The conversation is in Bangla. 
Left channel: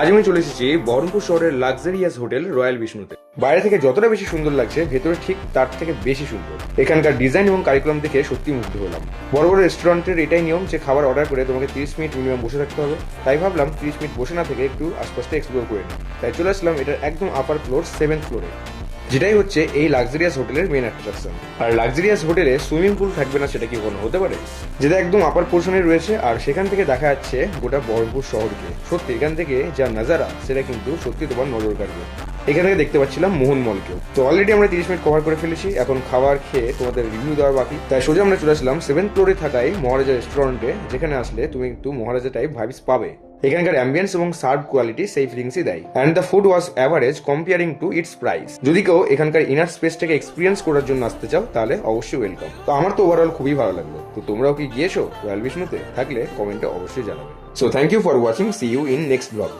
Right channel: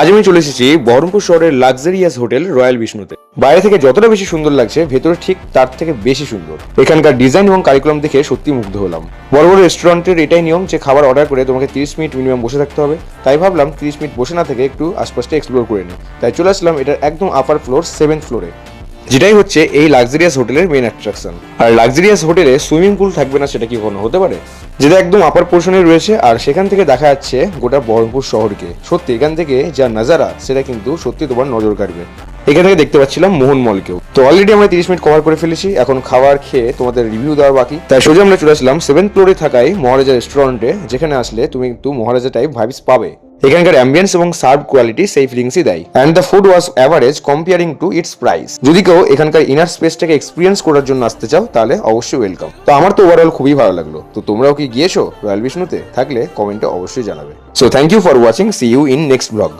আজ আমি চলে এসেছি বহরমপুর শহরের লাক্সারিয়াস হোটেল রয়্যাল বিষ্ণুতে। বাইরে থেকে যতটা বেশি সুন্দর লাগছে, ভেতরে ঠিক তার থেকে বেশি সুন্দর। এখানকার ডিজাইন এবং কারিকুলাম দেখে সত্যি মুগ্ধ হলাম। বড় বড় রেস্টুরেন্টের এটাই নিয়ম যে খাবার অর্ডার করে তোমাকে 30 মিনিট মিনিমাম বসে থাকতে হবে। তাই ভাবলাম 30 মিনিট বসে না থেকে একটু আশপাশটা এক্সপ্লোর করে নিই। তাই চলে আসলাম এটার একদম আপার ফ্লোর 7th ফ্লোরে, যেটাই হচ্ছে এই লাক্সারিয়াস হোটেলের মেন অ্যাট্রাকশন। আর লাক্সারিয়াস হোটেলে সুইমিং পুল থাকবে না সেটা কি কোনো হতে পারে? যেটা একদম আপার পোর্শনে রয়েছে, আর সেখান থেকে দেখা যাচ্ছে গোটা বহরমপুর শহরকে। সত্যি এখান থেকে যা নাজারা সেটা কিন্তু সত্যি তোমার নজর কাড়বে। এখান থেকে দেখতে পাচ্ছিলাম মোহন মলকেও। তো অলরেডি আমরা 30 মিনিট কভার করে ফেলেছি, এখন খাবার খেয়ে তোমাদের রিভিউ দেওয়া বাকি। তাই সোজা আমরা চলে আসলাম 7th ফ্লোরে থাকায় মহারাজা রেস্টুরেন্টে, যেখানে আসলে তুমি একটু মহারাজা টাইপ ভাইবস পাবে। এখানকার অ্যাম্বিয়েন্স এবং সার্ভ কোয়ালিটি সেই ফিলিংসই দেয়। And the food was average comparing to its price. যদি কেউ এখানকার ইনার স্পেসটাকে এক্সপিরিয়েন্স করার জন্য আসতে চাও তাহলে অবশ্যই ওয়েলকাম। তো আমার তো ওভারঅল খুবই ভালো লাগলো। তো তোমরাও কি গিয়েছো রয়্যাল বিষ্ণুতে? থাকলে কমেন্টে অবশ্যই জানাবে। So thank you for watching, see you in next blog.